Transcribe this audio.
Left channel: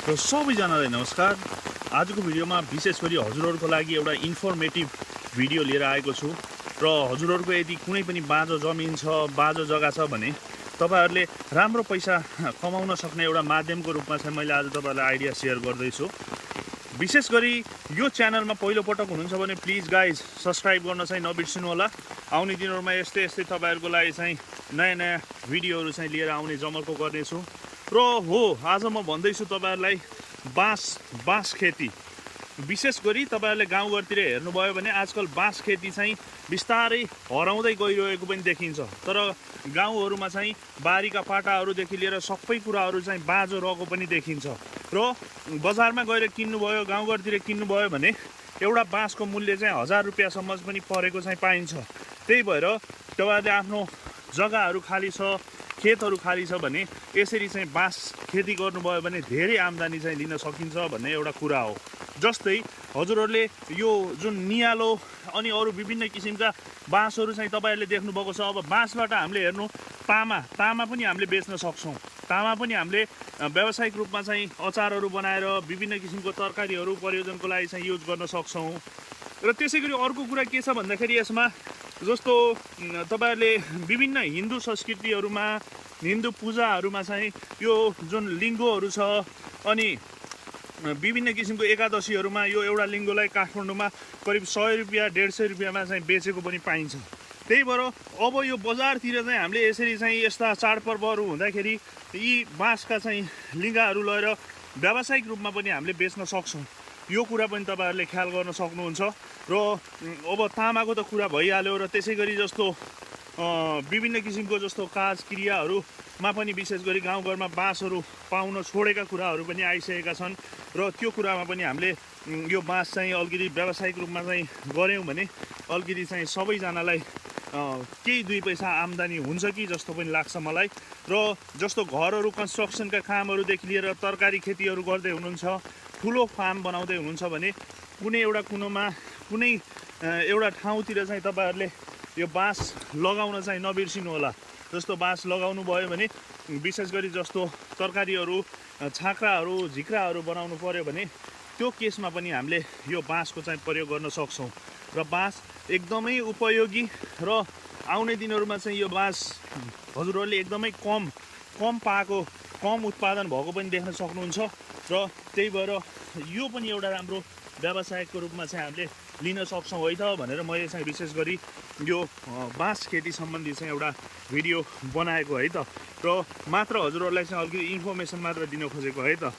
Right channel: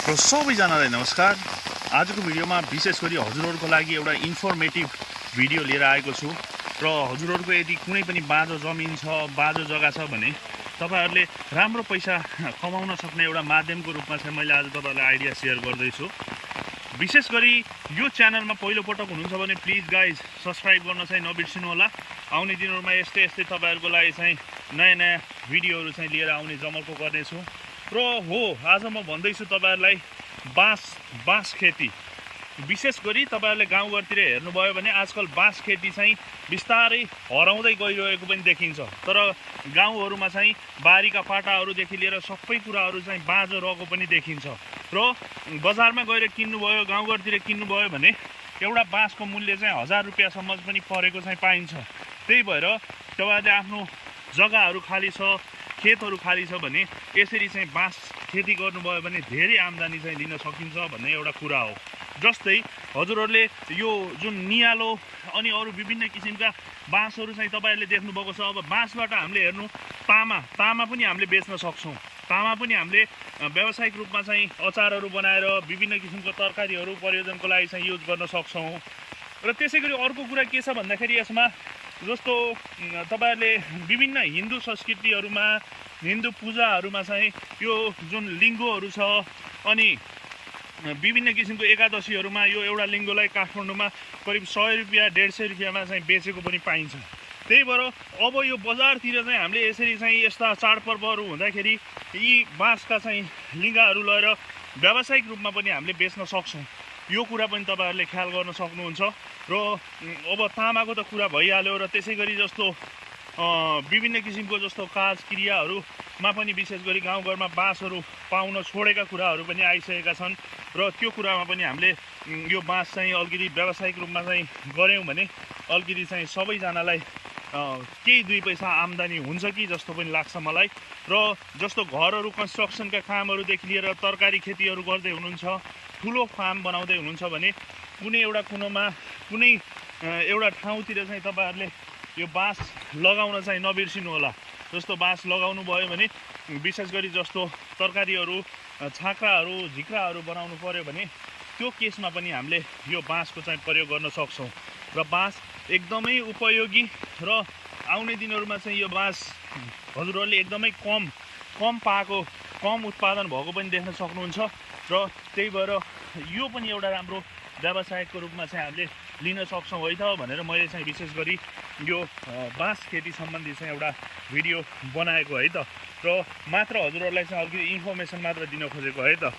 र सबैजनालाई नमस्कार। आजको भिडियोमा विशेष गरी हजुरहरूको लागि एउटा इन्फर्मेटिभ भिडियो लिएर आएको छु। र हजुरहरूको यदि कुनै पनि बाँझो जमिन छ, बाँझो जग्गा छ भने तपाईहरुले राम्रो पैसा कमाउन सक्ने एउटा माध्यमको रूपमा चाहिँ मैले आज तपाईहरुलाई आइडिया शेयर गर्दैछु। विशेष गरी यो च्यानलमा पहिलो पटक हुनुहुन्छ भने प्लिज गाइज सब्स्क्राइब गर्न चाहिँ नबिर्सिनु होला। आउने दिनहरुमा यस्तै तपाईहरुको लागि चाहिँ नयाँ भिडियोहरु चाहिँ लिएर आउने जमर्को गर्नेछु। र हो, आज म भन्दैछु तपाईहरुलाई बाँस खेती। विशेष गरी तपाईहरुले गाउँघरतिर हेर्नुभयो भने आजकल बाँस खेती चाहिँ बिस्तारै हराउँदै गइरहेको पनि देखिन्छ। तर गाउँहरुमा चाहिँ बारीका पाटाहरुदेखि लिएर सबै कुराहरु चाहिँ बाँझो रहेको पनि देखिन्छ। र बजारमा गएर किन्नुभयो, गाउँघरतिर किन्नुभयो भने एउटा बाँसको मूल्य चाहिँ 1000 रुपैयाँसम्म पनि परेको चाहिँ पाइन्छ। त्यही भएर तपाईहरुले आफ्नो जग्गाहरु खाली छ, खेतहरु खाली छ भने यसरी चाहिँ बाँस खेती गर्नुभयो भने धेरै आम्दानी चाहिँ लिन सकिन्छ भन्ने एउटा कुरा हो। जस्तै हजुरहरूले यो जुन नियालो अनि अरू विभिन्न किसिमका बाँसहरु चाहिँ तपाईहरुले देख्नुभएको छ। अब बाँसबाट हामीले हेर्नु तामा पनि हामीले बेच्न सक्छौं। तामा पनि हामीले व्यावसायिक रूपमा चाहिँ अचारहरु बनाएर विभिन्न किसिमको तरकारीहरु प्रयोजनको लागि चाहिँ युज गर्न सक्छौं। र त्यसैगरी अर्को कुरा के छ भन्दाखेरि यसमा जस्तो तपाईहरुले विभिन्न हिन्दू संस्कृतिहरुमा, हिन्दू पूजाहरुमा चाहिँ यो जुन लिङ्गोहरु छ अनि विभिन्न किसिमको एकादशीहरुमा यो एउटा लिङ्गोलाई काठमाडौँमा करिब 100 रुपैयाँ 150 रुपैयाँमा चाहिँ बेचेको पनि पाइन्छ। त्यही भएर अब यो बजारतिर चाहिँ हामीले यसरी चाहिँ यस्ता चाडपर्वहरु हुँदाखेरि यी बाँसका चाहिँ लिङ्गाहरु लिएर व्यावसायिक रूपमा पनि हामीले बेच्न सक्छौं। यो कुरा पनि तपाईहरुले ख्याल गर्न सक्नुहुन्छ। र अब तामाको त कुरा भइहाल्यो। र त्यसैगरी जस्तो विभिन्न किसिमको जस्तो काज क्रियाहरुमा पनि विशेष गरी गाउँघरमा बाँसहरु पाउन छोडेका कुराहरु पनि आइसकेका छन्। र त्यो कुरामा पनि हामीले यो बाँस चाहिँ अलिकति व्यावसायिक रूपमा चाहिँ गर्यौं भने अलिकति चाहिँ सबैजनालाई केही 2 पैसा आम्दानी हुन्छ कि जस्तो पनि लाग्छ मलाई। र जस्तो घरहरु कन्स्ट्रक्सनका कामहरुदेखि लिएर तरकारी खेतीहरु गर्दै हुनुहुन्छ, ठुलो फार्म बनाउँदै हुनुहुन्छ भने कुनै एउटा कुनोमा कुनै एउटा ठाउँतिर चाहिँ तपाईहरुले यो बाँस लगाउन चाहिँ नबिर्सिनु होला। जस्तो बाँस लगाउनु भयो भने विशेष गरी जस्तो तरकारीहरु, छाक्राहरु, झिक्राहरु बनाउनु पर्यो भने त्यो केसमा पनि हामीले यो बाँसको चाहिँ प्रयोग गर्न सक्छौं। र बाँस एकदमै उपयोगी र आउने दिनहरुमा चाहिँ यो बाँस हजुरहरूले एकदमै कम पाएको, कम उत्पादन भएको पनि देख्न सक्नुहुन्छ। र त्यही भएर यो पनि एउटा राम्रो व्यावसायको रूपमा चाहिँ हामीले लिन सक्छौं है त भनेर मैले चाहिँ विशेष गरी यो बाँस खेती सम्बन्धी चाहिँ एउटा भिडियो बनाएको है त। र मात्र हजुरहरूलाई चाहिँ अलिकति इन्फर्मेसन मात्र दिन खोजेको है त।